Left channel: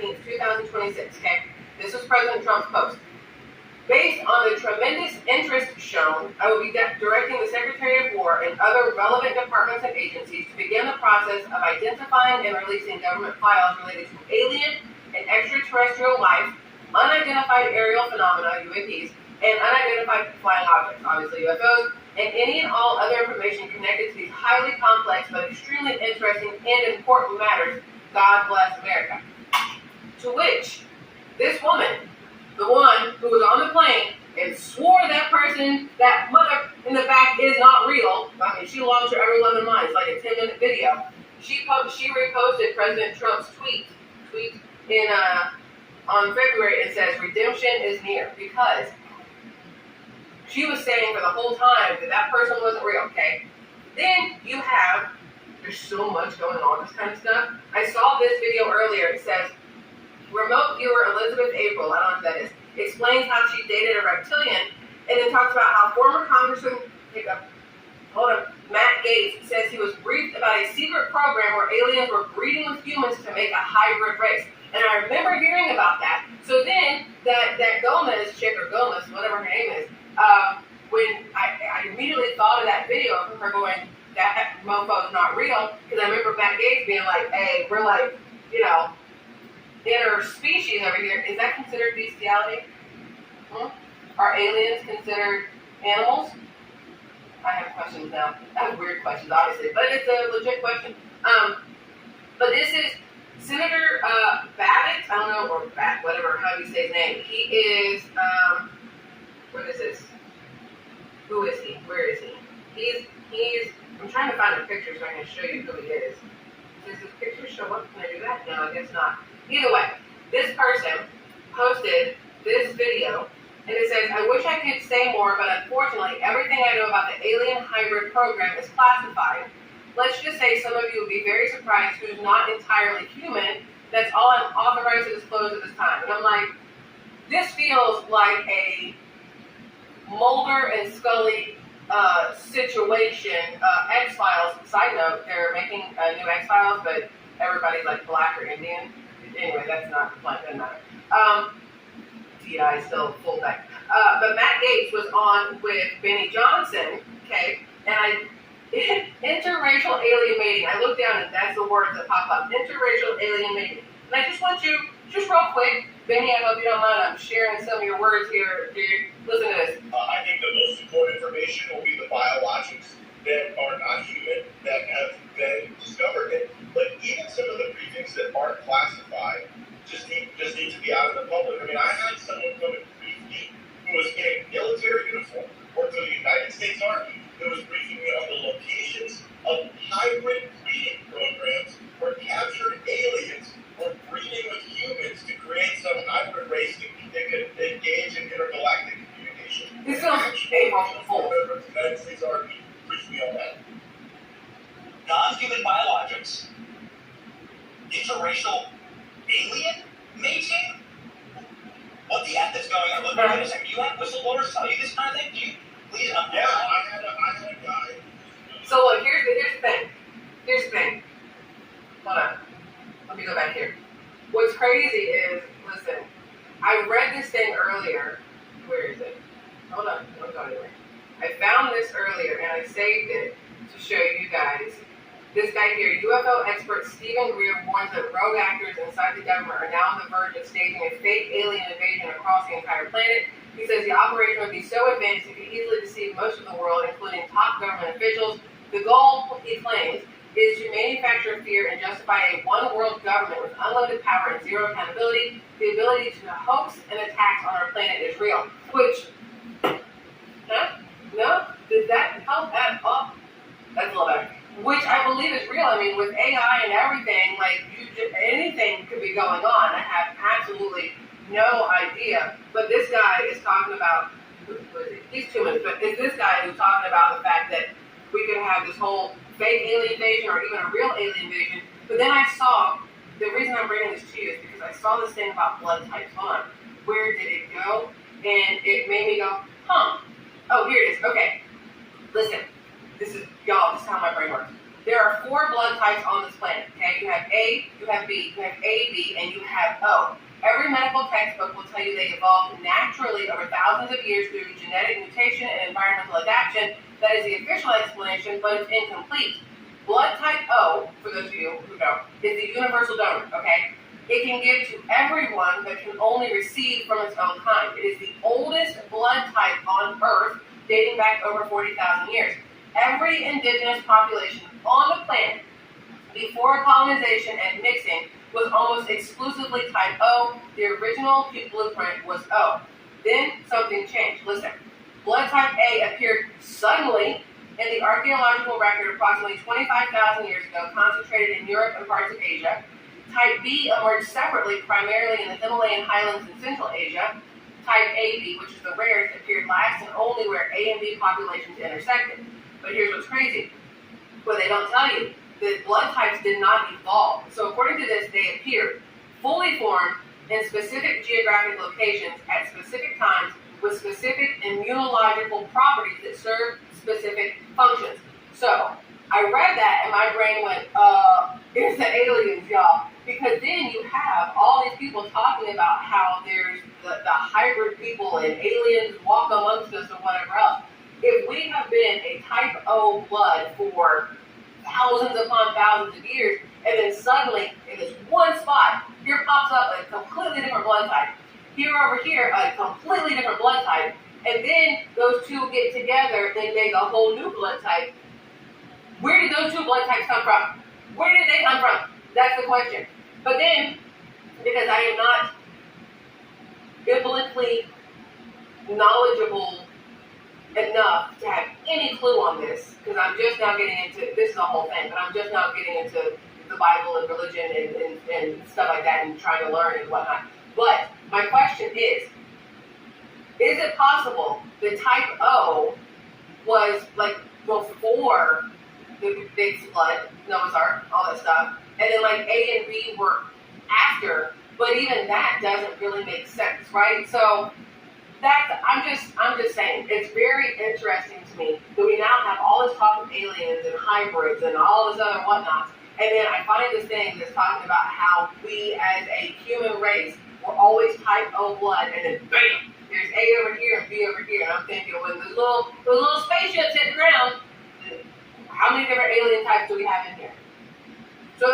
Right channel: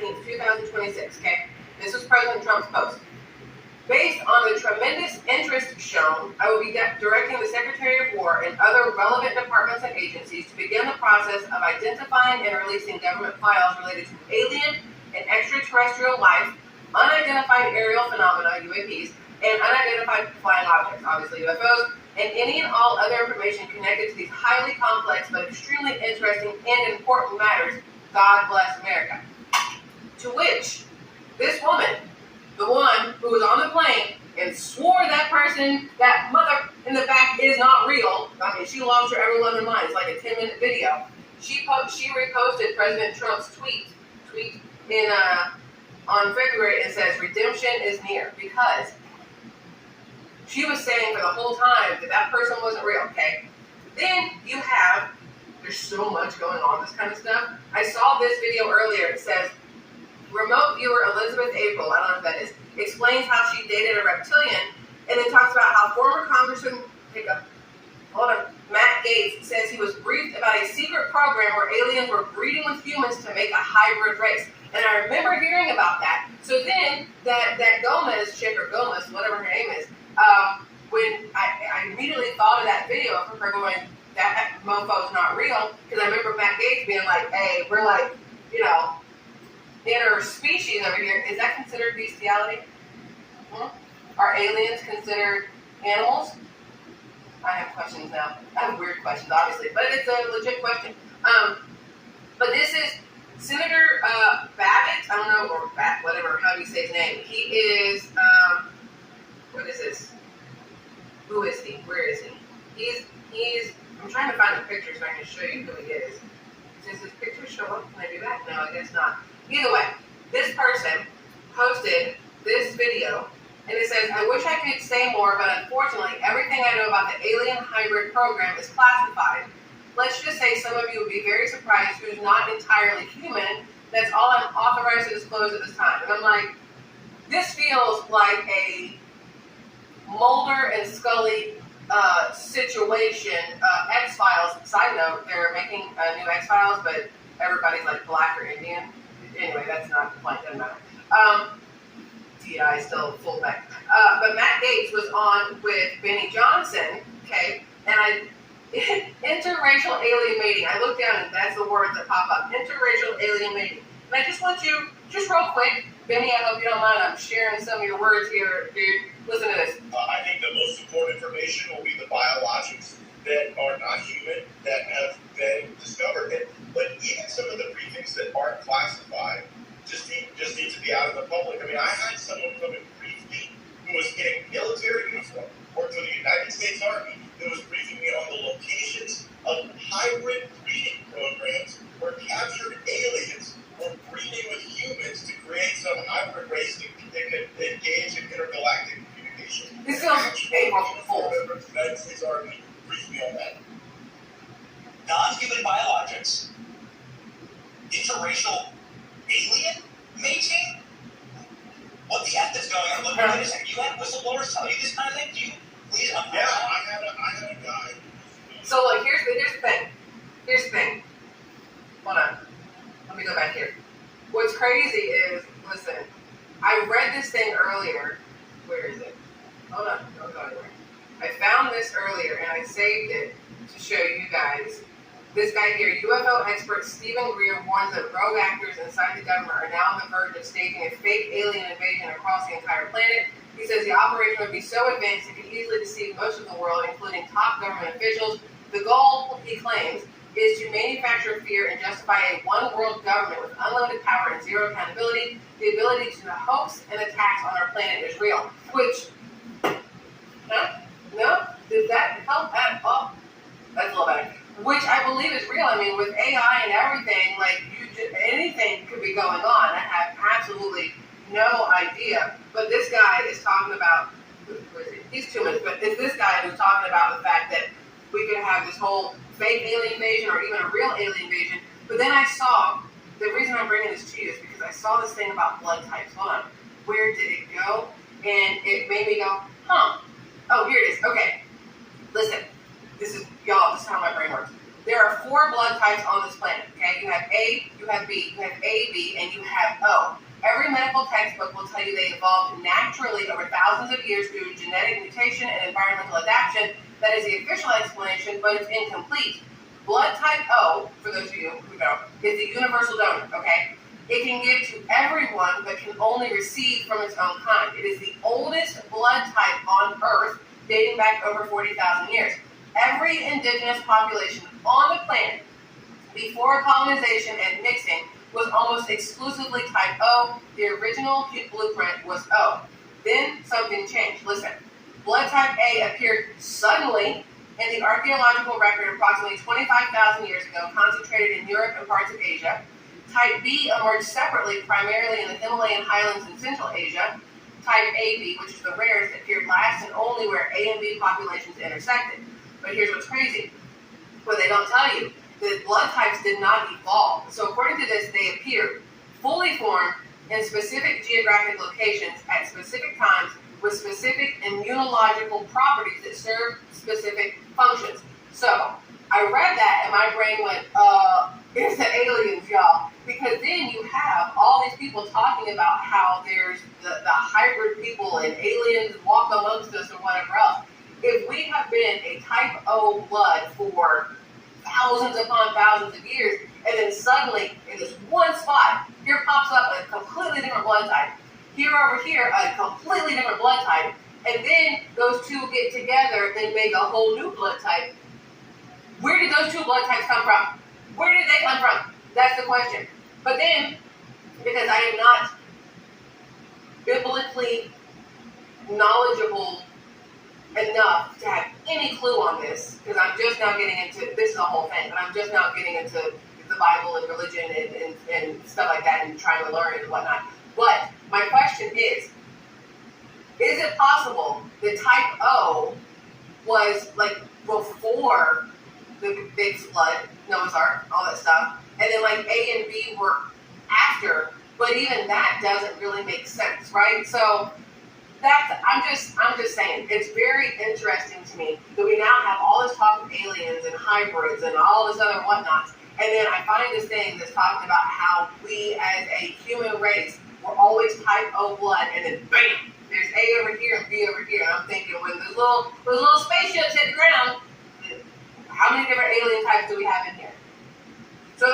19th, 2026, okay? This was President Trump's post. Based on the tremendous interest shown, I will be directing the Secretary of War and other relevant departments and agencies to begin the process of identifying and releasing government files related to alien and extraterrestrial life, unidentified aerial phenomena, UAPs, and unidentified flying objects, obviously UFOs, and any and all other information connected to these highly complex but extremely interesting and important matters. God bless America. To which this woman, the one who was on the plane and swore that person, that mother in the back is not real. I mean, she lost her ever loving mind. It's like a 10-minute video. She reposted President Trump's tweet in on February. It says redemption is near, because she was saying for the whole time that person wasn't real. Okay, then you have, there's so much going on, this kind of stuff. I saw this video earlier. It says, remote viewer Elizabeth April, I don't know if that is, explains how she dated a reptilian, and then talks about how former Congressman Matt Gaetz says he was briefed about a secret program where aliens were breeding with humans to make a hybrid race. And I remember hearing about that. So then that Gomez chick, or Gomez, whatever her name is, when I immediately thought of that video of her going, that mofo's not real, because I remember Matt Gaetz being like, hey, we're like, interspecies over here. Is that considered bestiality? Are aliens considered animals? I have questions now. I have weird questions, obviously, but it's a legit question. But this is Senator Babbitt, I don't know, or whatever, how do you say his name? He is, what is this? Who is he? Where is he? He's, I'm trying to find a picture so I can show you who he is. Does his picture show up? Can I do that? No, I guess not. Either way, this person posted this video, and it says, I wish I could say more, but unfortunately, everything I know about the alien hybrid program is classified. Let's just say some of you would be very surprised who's not entirely human. That's all I'm authorized to disclose at this time. And I'm like, this feels like a Mulder and Scully situation. X-Files, side note, they're making a new X-Files, but everybody's like black or Indian. Anyway, that's not the point, doesn't matter. TI still full back. But Matt Gaetz was on with Benny Johnson, okay, and interracial alien mating. I looked down and that's the words that pop up. Interracial alien mating. And I just want you, just real quick, Benny, I hope you don't mind, I'm sharing some of your words here, dude. Listen to this. I think the most important information will be the biologics that are not human, that have been discovered. But even some of the briefings that aren't classified just need to be out in the public. I mean, I had someone come and brief me who was in a military uniform, worked for the United States Army, that was briefing me on the locations of hybrid breeding programs where captured aliens were breeding with humans to create some hybrid race that could engage in intergalactic communication. This goes April Fool's. The United States Army briefed me on that. Non-human biologics, interracial alien mating? What the F is going on? Look, wait a second. You had whistleblowers tell you this kind of thing? Do you? Please, I had a guy. So look, here's the thing. Here's the thing. Hold on. Let me go back here. What's crazy is, listen, I read this thing earlier. Where is it? Hold on. Don't go anywhere. I found this earlier and I saved it to show you guys. This guy here, UFO expert Stephen Greer, warns that rogue actors inside the government are now on the verge of staging a fake alien invasion across the entire planet. He says the operation would be so advanced it could easily deceive most of the world, including top government officials. The goal, he claims, is to manufacture fear and justify a one-world government with unlimited power and zero accountability. The ability to hoax and attacks on our planet is real. Which, no? Does that help at all? That's a little better. Which I believe is real. I mean, with AI and everything, like, anything could be going on. I have absolutely no idea. But this guy is talking about, who is he? He's 2 minutes, but it's this guy who's talking about the fact that we could have this whole fake alien invasion or even a real alien invasion. But then I saw, the reason I'm bringing this to you is because I saw this thing about blood types. Hold on. Where did it go? And it made me go, huh. Oh, here it is. Okay. Listen. This is, y'all, this is how my brain works. There are 4 blood types on this planet, okay? You have A, you have B, you have AB, and you have O. Every medical textbook will tell you they evolved naturally over thousands of years through genetic mutation and environmental adaptation. That is the official explanation, but it's incomplete. Blood type O, for those of you who know, is the universal donor, okay? It can give to everyone, but can only receive from its own kind. It is the oldest blood type on Earth, dating back over 40,000 years. Every indigenous population on the planet, before colonization and mixing, was almost exclusively type O. The original blueprint was O. Then something changed. Listen, blood type A appeared suddenly in the archaeological record approximately 25,000 years ago, concentrated in Europe and parts of Asia. Type B emerged separately, primarily in the Himalayan highlands in Central Asia. Type AB, which is the rarest, appeared last and only where A and B populations intersected. But here's what's crazy. What they don't tell you, the blood types did not evolve. So according to this, they appeared fully formed in specific geographic locations at specific times with specific immunological properties that serve specific functions. So I read that and my brain went, it's the aliens, y'all. Because then you have all these people talking about how there's the hybrid people and aliens walk amongst us or whatever else. If we have been a type O blood for thousands upon thousands of years, and then suddenly in this one spot, here pops up a completely different blood type. Here over here, a completely different blood type. And then those two get together and make a whole new blood type. Where did those 2 blood types come from? Where did they come from? That's the question. But then, because I am not biblically knowledgeable enough to have any clue on this, because I'm just now getting into, this is a whole thing, but I'm just now getting into the Bible and religion and stuff like that and trying to learn and whatnot. But my question is it possible that type O was like before the big flood, Noah's Ark, all that stuff, and then like A and B were after, but even that doesn't really make sense, right? So I'm just saying, it's very interesting to me that we now have all this talk of aliens and hybrids and all this other whatnots, and then I find this thing that's talking about how we as a human race were always type O blood, and then bam, there's A over here and B over here, and I'm thinking when those little spaceships hit the ground, how many different alien types do we have in here? So